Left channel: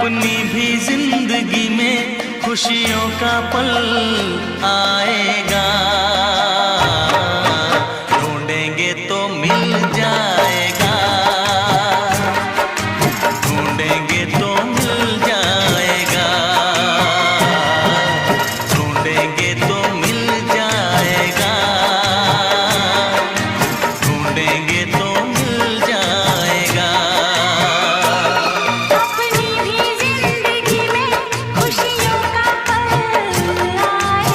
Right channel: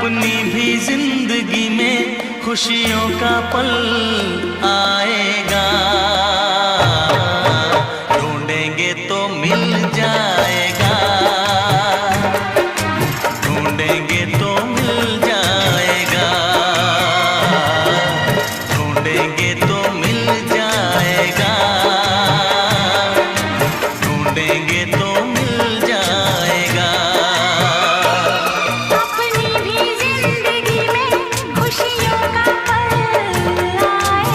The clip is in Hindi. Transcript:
अपनी भी जिंदगी में खुशियों का पल आएगा।